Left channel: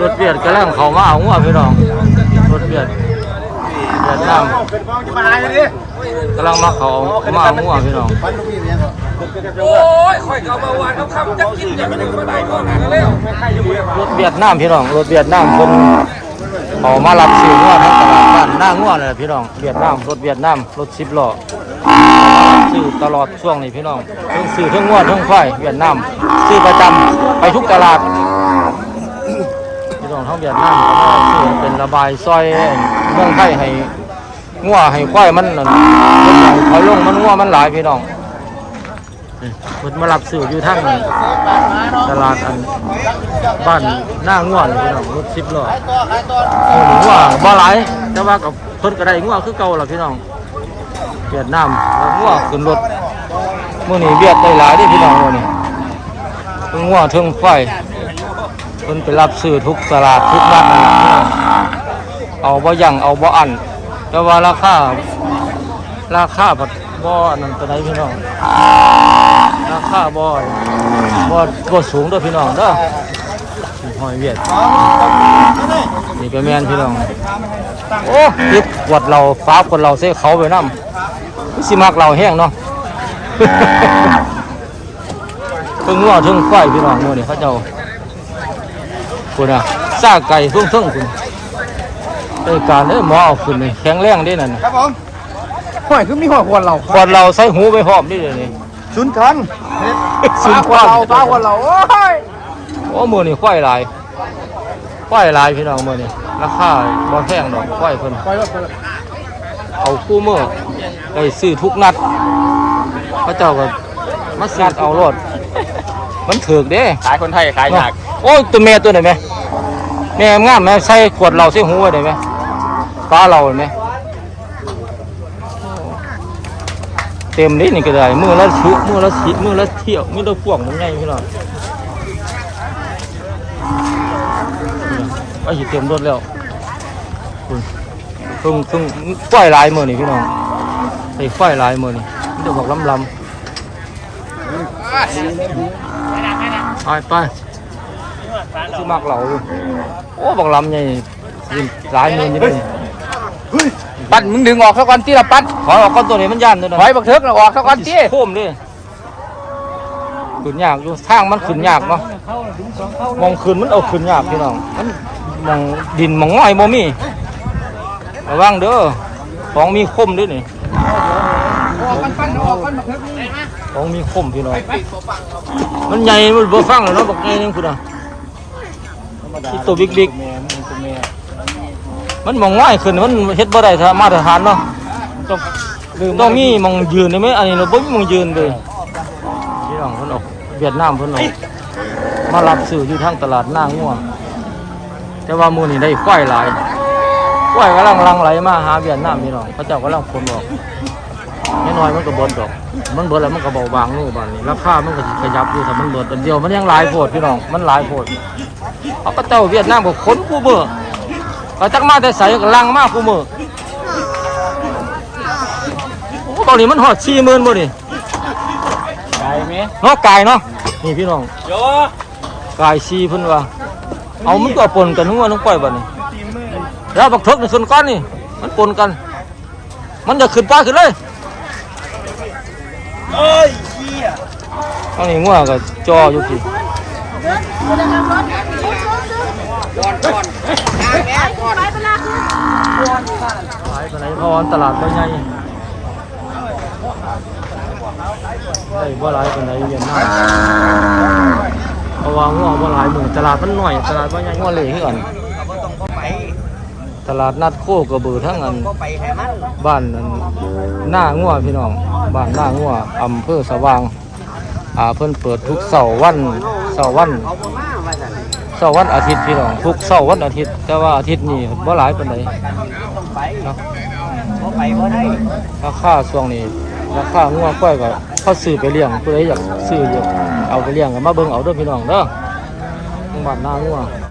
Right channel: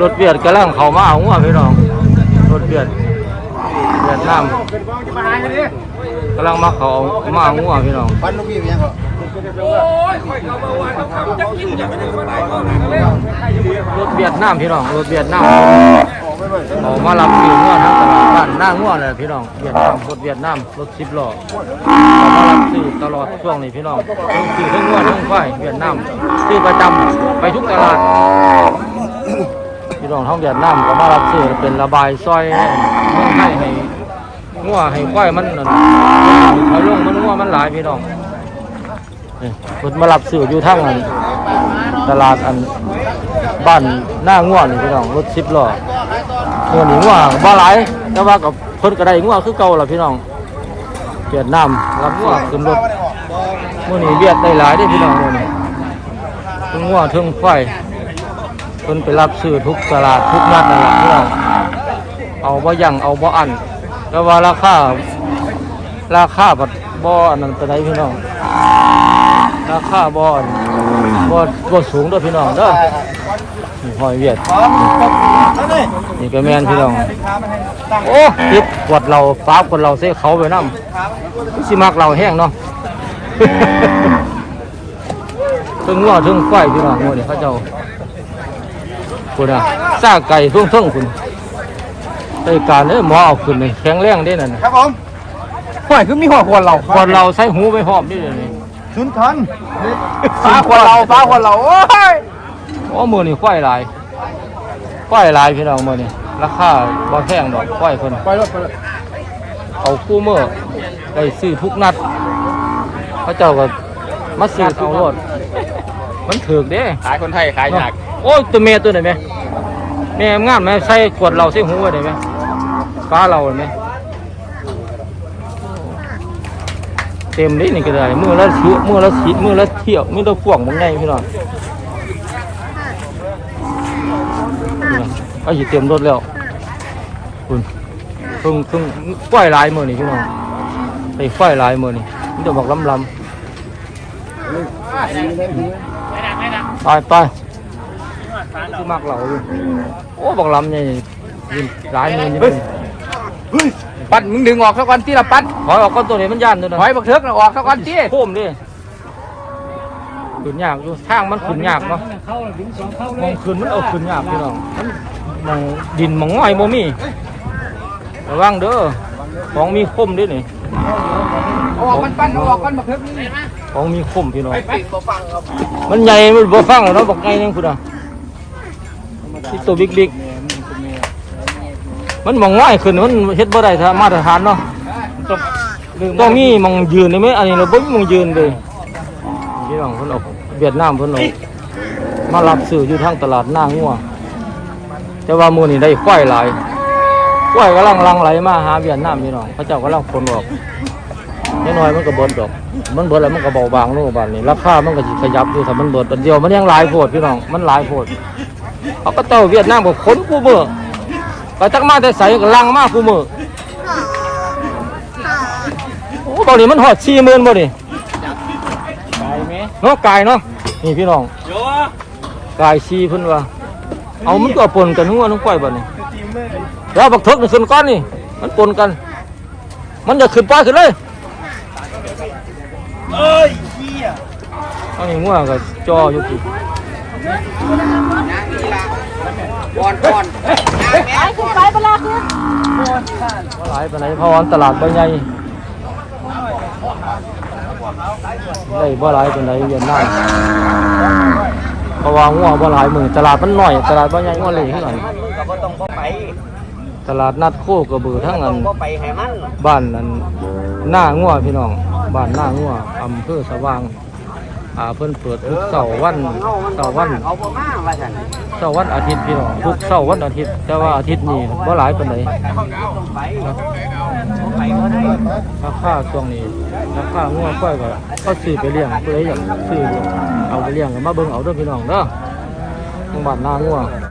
รถเบียดกำลังเขามาเอาหัวพี่น้อง รถเบียดเวียดนามกำลังมาเขามาเอาหัวพี่น้องรถเวียดนามพี่น้องรถเวียดนามคนเอามารับซื้องัวทั้งตลาดบ้านหน้างัวเลยพี่น้องเวียดนามรถเวียดนามรถสิบล้อเอามารับซื้อตลอดช่วงนี้พี่น้องทั้งซื้อทั้งงัวทั้งไฟเวียดนามซื้อประจำไปทุกตลาด พี่น้องทั้งเวียดนามก็มารับซื้อเป็นระบายซอยเมืองไทยให้งัวให้ควายมันนั่นถอยลงมันงัวมันหลายพี่น้องนี่เพิ่นมารับซื้ออยู่ทั้งอันตลาดอันบ้านหน้างัวนี่พี่น้องรถสิบล้องัวนี่งัวบ่หลายแต่ว่ากับเพิ่นก็ได้งัวคือเก่าล่ะพี่น้องเวียดนามรับงัวขึ้นรถมื้อนี้เวียดได้หลายเด้พี่น้องมื้อนี้เพิ่งงัวเทิงไฟ เพิ่นไปรับซื้อทุกตลาดทุกนัดนั่นแหละพี่น้องเอาบ่ยั่งเอาบ่อันแต่ว่าราคาราคาบัดบ่อันนั้นไปไหนพี่น้อง ราคาบ่อันบ่บ่สูงเด้อพี่น้องเด้อนี่หอยเวียดนี่ก็แม่นพี่น้องโอ้ติดกวดเราฟ้ากวดเราเสียเขาไปน้ำคือสิมักเราแห้งเนาะถึงงัวถึงไฟพี่น้องงัวนี่เขาเจ้า คุณอะซาไก่ทุ่งทุ่งคุณไอ้การเลยหมอเอาขึ้นเลยแข็งแรงได้นั่นน่ะครับผมห่วยคือมีหัวควรเราก่อนเราใส่หูไปพร้อมนี่เลยนี่ชุนทันสินก้อนฟ้าควรเราโอ้ยโอ้มือนี่ควายหลายควายหลายพี่น้องมือนี่ราคาบ่แพงดอกควายเพิ่นเอาคู่มือได้ซื้อทุกนัดพระเจ้าก็มาซื้อเอารถ มันถือกเด้ขายคนไทยขายเนาะยากโอ้ยตัวแม่ตัวไหนไหมแม่งามไหมใส่ขวดเราใส่หูไว้ได้ไหมฟ้าเราเห็นไหมโอ้เต็มเลยนี่ก็ได้มือละชุมือละสิมือละเที่ยวมือละพวงมันไงพี่น้องนี่ไอ้สิเต็มรถแล้วคุณเพิ่งเพิ่งฝ้ายลายมือนี่พี่น้องไอ้ฝ้ายลายมือนี่มันจะบอกลำลำ ไปไปที่มากเหล่าอยู่โอ้บอกลำใหญ่ยินหลายมือนี่มันปัดมึงดึงออกสักวันที่ละปัดขอออกก้อนตัวนี้มันย่านตัวนั้นถอยบักเถิกเราออกสักวันที่โค้มดิขึ้นยากอยู่ทางมันขึ้นยากเนาะมองขึ้นมันเอาขึ้นยากพี่น้องมันมองดินมองง่อยบ่มีระวังเด้อของมีคมด้วยนี่ ออกกันปั้นออกกันบักเถิกนี่ของมีคมพี่น้องไปไปมันใหญ่มันบ่ฟังแล้วเนาะบอกไงนึงพุ่นอะที่ตัวบิ๊กบิ๊กมันมองง่อยขึ้นมันเฮ็ดบ่ได้ถ้ามาตรฐานเนาะต้องมีมองยืนได้ไหมอันนี้เราบ่มีมองยืนเลยพี่น้องเพิ่นเออกเวียดนามเพิ่นเอามารับซื้ออยู่ทางตลาดหน้างัวแต่ว่ามื้อนี้ได้ควายหลายควายกำลังหลังไหลมาหาเวียดนามพี่น้องเขาเจ้ากำลังคนออก น้อยๆมันก็เบิดดอก มันเบิดแล้วมันก็เบาบางนู่นบ้านนี้ราคามันก็สิขยับอยู่ถ้ามันเบิดอันเดียวมันยังหลายโพดพี่น้องมันหลายโพดเขาก็เจ้าเวียดนามก็ขนกูมือก็จักมาแต่ใส่ก็ลังมากูมือโอ้ตอนนี้มันหอดสี่หมื่นบ่นี่ไอ้เนาะกายเนาะนี่พี่น้องกายสี่เพิ่นว่าเอามันก็ปนกันทั้งวันทั้งปล่อยบ่นี่แล้วบักเถิกนี่ขึ้นก้อนนี่มันปนกัน มันจะขึ้นป้าขึ้นเลย เอ้ยเฮียเอานี่งัวก็จออยู่ที่ก่อนก่อนยางแม่ก่อนบ่หลายปานไหนเพราะว่าตลาดบ่ใหญ่ได้บ่หลายปานใดเวียดนามเพราะว่างัวบ่หลายมื้อตลาดมันน้อยตลาดบ่ใหญ่งัวเละคือกันตลาดนัดโคกระบือทั้งอันบ้านอันหน้างัวพี่น้อง บ้านหน้างัวอำเภอสว่างอ่าเพิ่นเปิดทุกเสาร์วันเสาร์วันเสาร์วันอาทิตย์พี่น้องทุกเสาร์วันอาทิตย์ แต่ว่าอาทิตย์นี้บ่หลายปานใดเนาะราคาช่วงนี้ราคางัวก้อยก็เขาซื้อไปเลี้ยงผู้ใดอยากซื้ออยู่เอาไปเลี้ยงก็มาเบิ่งเอาเด้อพี่น้องเด้อบ้านนางัว